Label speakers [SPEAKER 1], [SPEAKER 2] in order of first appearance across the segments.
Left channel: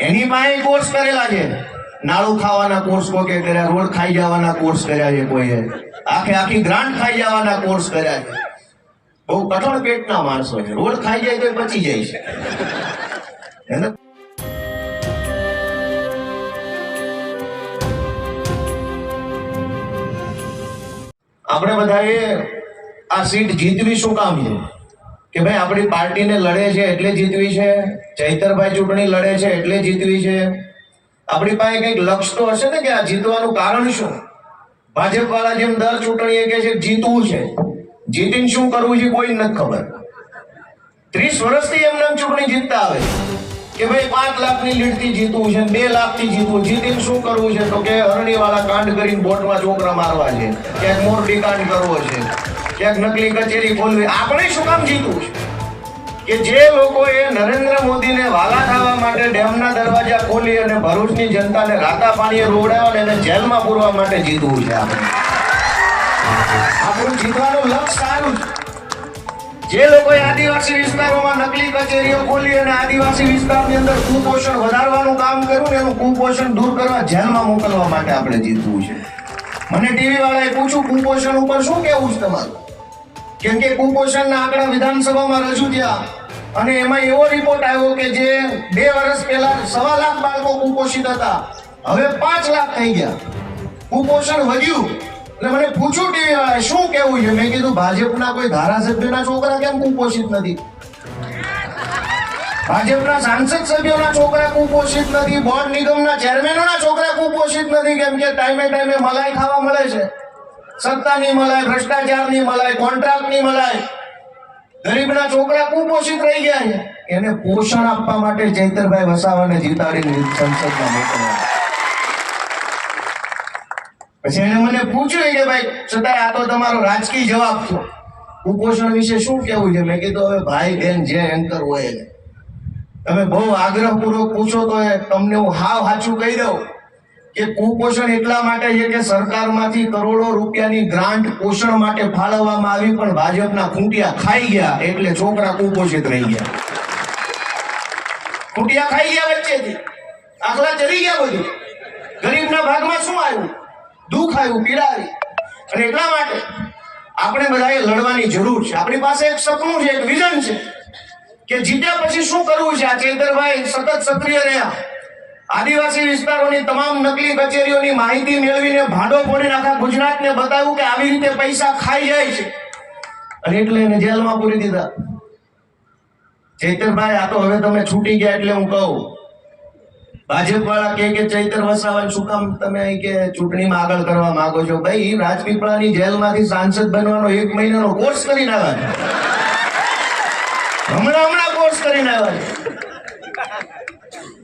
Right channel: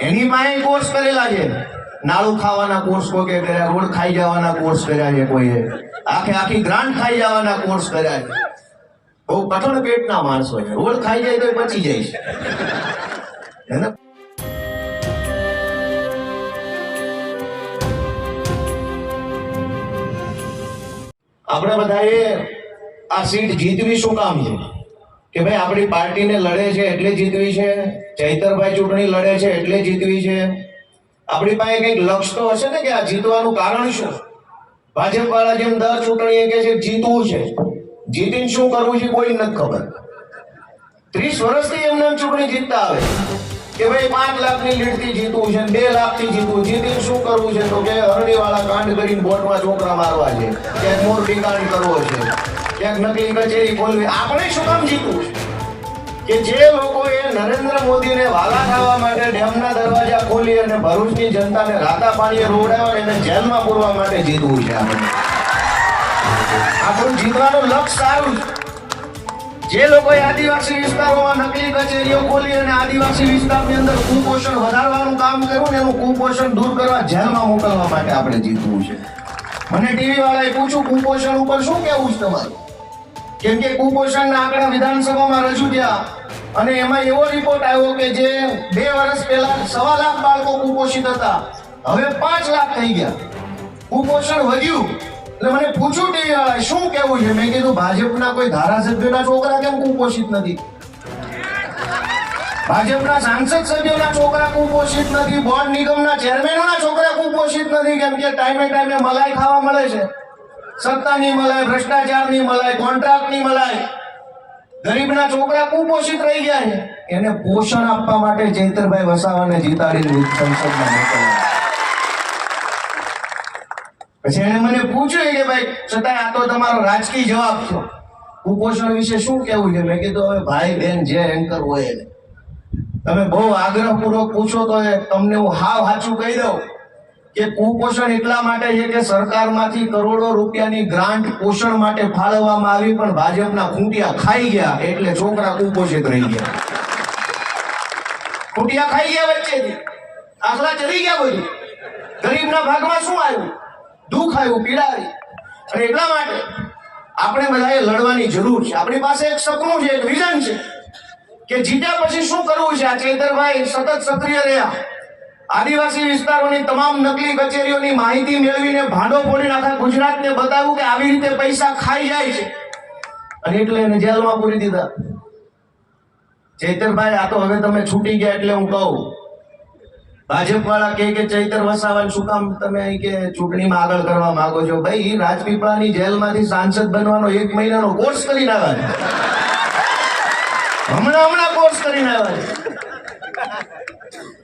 [SPEAKER 1] એની માએ કોર્સ કરેલા છે. નાળું ખાવાના કોર્સ કોઈ કર્યા, રોડ ખાઈ જવાના કોર્સ કર્યા છે કોઈએ. આખે આખી ગ્રાન્ટ ખાઈ જવાના કોર્સ કર્યા છે. બહુ કઠણ પેટના માણસો છે. રોડ ખાઈ જાય તો બચી જાય છે. હે? આપણે બધાએ આ સીટ જીતવી શું કામ છે? કે ભાઈ, આપણી પાર્ટીને લડે છે, એટલે જીતવી છે. ચૈતરભાઈ ચૂંટણી લડે છે, એટલે જીતવી છે. આપણી પાસે કંઈક લક્ષ તો હશે ને કે આ જીતવાનું કારણ શું? ભાજપ વાળા જેમ દર ચૂંટણી કે છે, જીતવું છે. જીતીને શું કરવું છે કોઈ નથી ખબર. ત્રીસ વર્ષથી આમ ચૂંટણી જીતતા આવે કે ભાઈ, પાંચ લાખની લીડથી જીતવું છે બે લાખથી જીતવું, જીતીને શું કરવું છે? તો કે અરણીવાળા કાંડ કરીને બોટમાં છોકરા મારવા છે, કે મોર કાંડ કરવો છે. ક્યાંક નકલી કચેરી ખોલવી. આપણે શું કામ જીતવું છે? કે જે લોકોએ નરેન્દ્ર મોદીને વાલા થવા માટે ડેમના દરવાજા ખોલી અને ભરૂચની જનતાને રાતા પાણીએ રોડાવે એને જેલમાં પૂરવા માટે જીતવું છે આપણે. આપણું જીતવાનું લક્ષ્ય સારું જે લોકોએ આદિવાસી વિસ્તારોમાં નકલી કચેરીઓ ખોલી અને આદિવાસી વિસ્તારની અંદર કુપોષણ વધારવાનું કામ કર્યું ને એનું કુપોષણ દૂર કરવા જેલમાં મોકલવા માટે આપણે જીતવું છે. મને ટીવી વાળાએ પૂછ્યું, કુપોષણ ઉપર શું કહેવું છે તમારું? કેમ કે કુપોષણના આંકડા વિધાનસભામાં રજૂ થયા. અને એમાં એવો રિપોર્ટ આવ્યો કે જે બે વર્ષ પહેલા સવા લાખ બાળકો કુપોષિત હતા. હવે પાંચ લાખ થઈ ગયા. કુપોષણ વધ્યું. એટલે મને પૂછ્યું વાળાએ શું કેવું છે? મેં કીધું, ભાજપના કોઈ ધારાસભ્યોના છોકરા કેમ કુપોષિત નથી? ભાજપના સાંસદ સભ્યોના છોકરા કુપોષિત નથી. બોર્ડ નિગમના ચેરમેનોના છોકરા કુપોષિત નથી. કેમ કે ટાઈમે ટાઈમે મલાઈ ખાવા મળે છે. સત્તાની મલાઈ, ભ્રષ્ટાચારની મલાઈ, કોન્ટ્રાક્ટની મલાઈ. ગરીબના છોકરા કુપોષિત રહી ગયા છે. એને પોષણ આપવા માટે ચૈતરભાઈ વસાવાને જીતાડી સંસદમાં મોકલ્યા. પછી એને મને પૂછ્યું કે ભાઈ છતાંય આ તો તમારો રાજકીય જવાબ છો. કુપોષણ વિશે શું કહેવું છે? મેં કીધું, હવે ભાઈ બેન, જે એન્કર હોય તમે બહુ આગ્રહપૂર્વક પૂછો તો તમને હું હાવ સાચું કહી દઉં. કે કુપોષણ એટલા માટે છે કે સરકારમાંથી કરોડો રૂપિયાની ગ્રાન્ટ પોષણ માટે ફાળવવામાં આવી, પણ ભાજપના ખૂંટિયા ખાઈ ગયા એટલે છોકરા કુપોષિત રહી ગયા. ખૂંટિયા ખાઈ ગયા વચ્ચેથી. આખલા ચડી ગયા બધું. ગરીબના ભાગમાં શું આવ્યું? દુઃખ આવ્યું પીડા આવી અને એટલા માટે આપણે બધાએ લડવાની જરૂર છે. આપણી પાસે એક સપનું છે, એક વિઝન છે કે જીત્યા પછી શું કરવું છે? આ ચેતરભાઈ સતત સક્રિય રહ્યા. આદિવાસી વિસ્તારોની તમામ નકલી કચેરીઓની માહિતી મેળવીને ભાંડો ફોડીને આખા ગુજરાતને બતાવ્યું કે આવી રીતે પૈસા ખાઈ જાય છે. અને એટલે એને જેલમાં પૂરી દીધા. ચૈતરભાઈ, આ તો હવે તમે છૂટી ગયા એટલે હું કહું. ભાજપ વાળા કે કે ચૈતર વસાવા શું કામ તમે કે ચૂંટણીમાં આગળ કરવા માંગો છો? ભાઈ, રાજપીપળાની જેલમાંથી સાંસદ બનવાનો એક મહિનાનો કોર્સ કરીને આવ્યા હમણાં હમણાં કોર્સ કરીને આવ્યા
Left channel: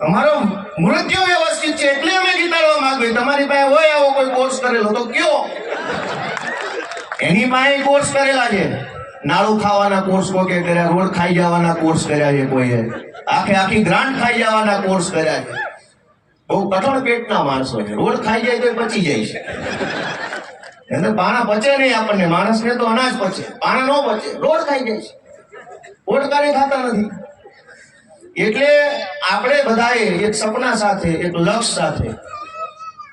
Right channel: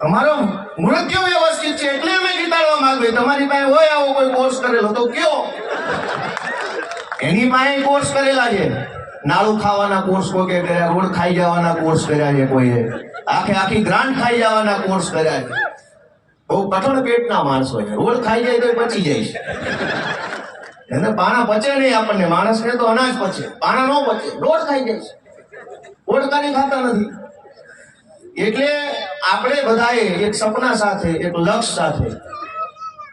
[SPEAKER 1] તમારો મૃત્યુ વ્યવસ્થિત છે એટલે અમે ઘટાડવા માંગીએ. તમારી પાસે હોય આવો કોઈ કોર્સ કરેલો તો કયો. એની પાસે કોર્સ કરેલા છે. નાળું ખાવાના કોર્સ કોઈ કર્યા, ગોળ ખાઈ જવાના કોર્સ કર્યા છે કોઈએ. આખે આખી ગ્રાન્ટ ખાઈ જવાના કોર્સ કર્યા છે. બહુ કઠણ પેટના માણસો છે. રોડ ખાઈ જાય તો પચી જાય છે. એને પાણા પચે નહીં આપણને. માણસને તો અનાજ પચે. પાણા ન પચે. રોડ ખાઈ જાય છે. ઓટકાને ખાતા નથી. એટલે આપણે બધાએ એક સપના સાથે, એક લક્ષ્ય સાથે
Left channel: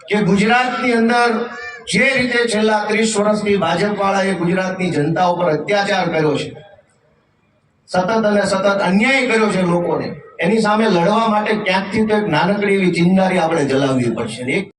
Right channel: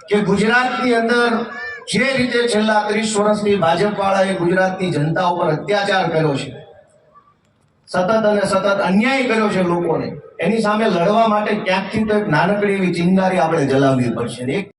[SPEAKER 1] કે ગુજરાતની અંદર જે રીતે છેલ્લા ત્રીસ વર્ષથી ભાજપ વાળાએ ગુજરાતની જનતા ઉપર અત્યાચાર કર્યો છે, સતત અને સતત અન્યાય કર્યો છે લોકોને, એની સામે લડવા માટે ક્યાંકથી તો એક નાનકડી એવી ચિંગારી આપણે જલાવવી પડશે એક